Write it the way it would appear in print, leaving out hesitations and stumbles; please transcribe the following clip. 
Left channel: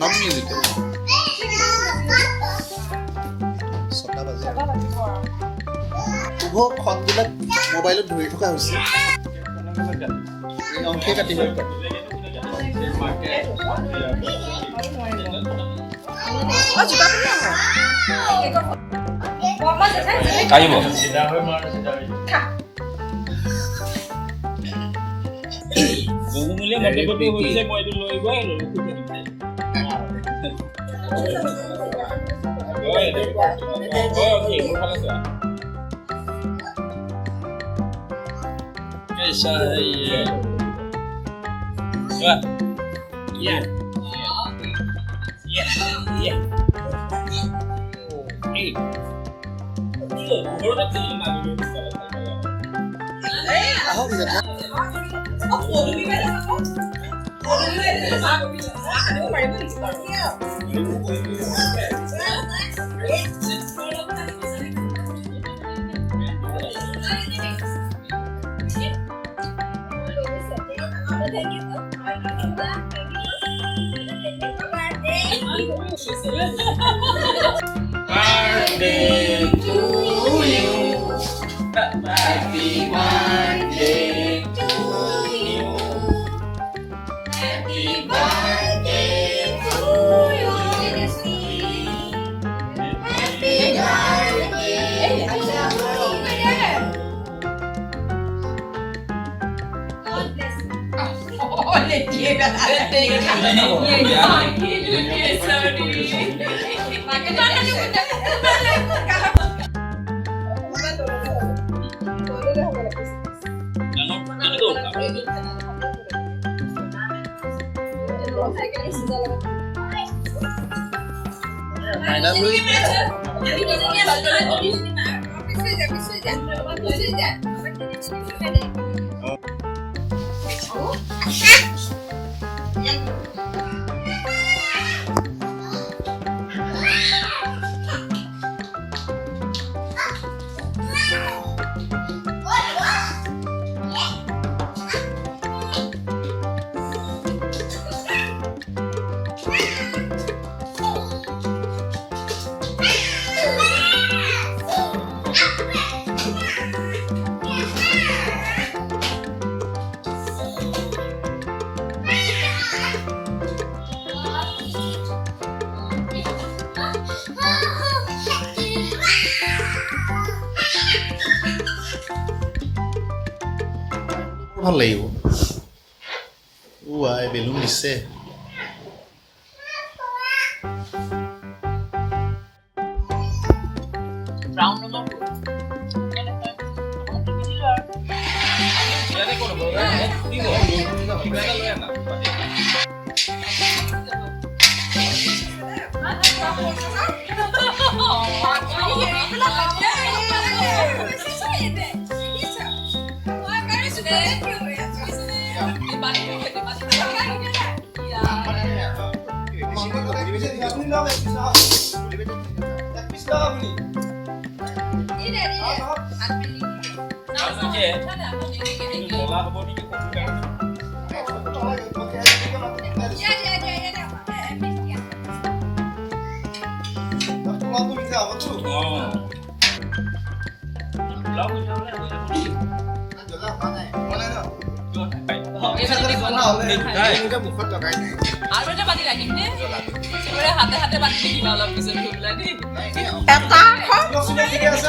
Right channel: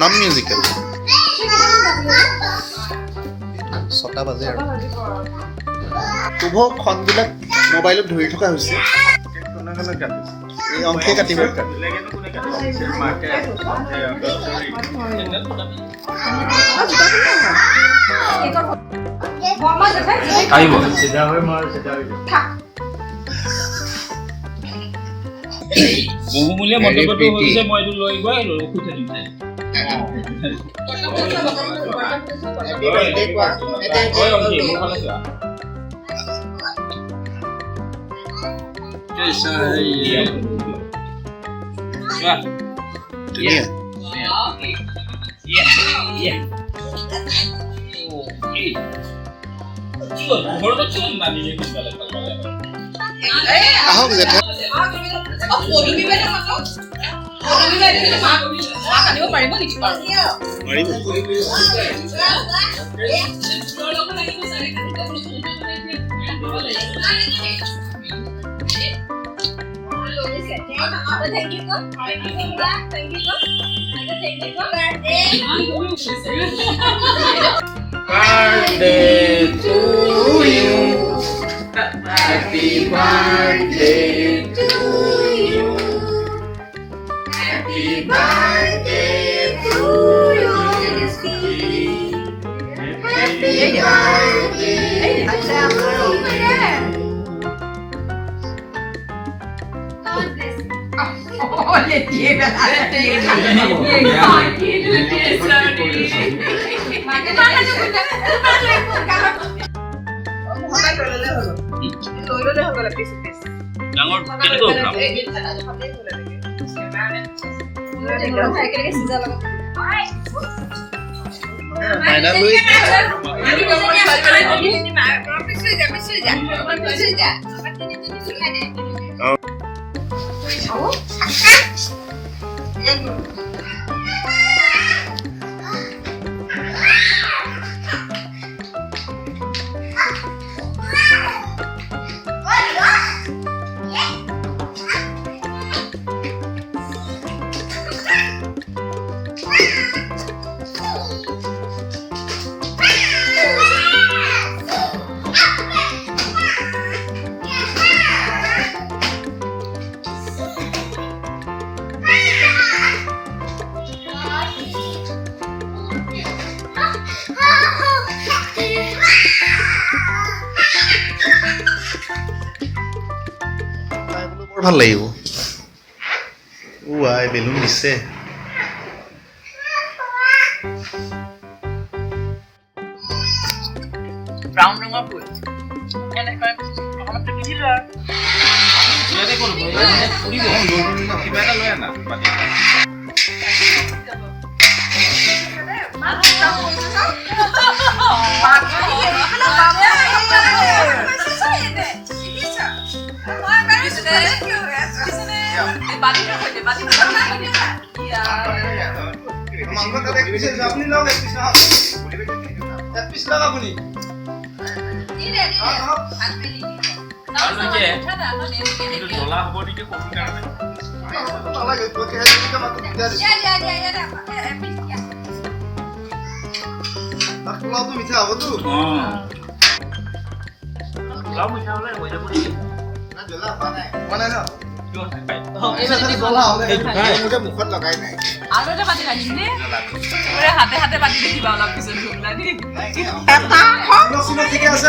Non musical 6টা বাজে আৰু শুভ খনবিলাক মোবাইলত ধৰি থকা হৈছে এই অংকে কাটিব আহিব বহুমূলীয়া মন্তব্যটো হৈছে মই এইটো লৈ গৈ ৰখি থাকিম ধুনীয়া আহক জেঠা Birthday to you. Happy birthday to you. Happy birthday to you. Happy মাইনা লৈ ভাল লাগিব আই বেলুন দিছে ব্রাউন ৰঙৰ ফুল এনেকৈ অলপ দিছিল আৰু ইয়াতে কোন ফুৰিব কিবা এটা লৈ আনা পাতি জ্বলা হ'ব নেকি কমন কাৰণে মিঠা হ'বতো মুখত লগাই নাই আৰু এটা পাতি আনিম নে পুৰা হাতে হাতে পাতি দেখিবা অলপ পিছত ঢুকলা নি ঠিকে আছে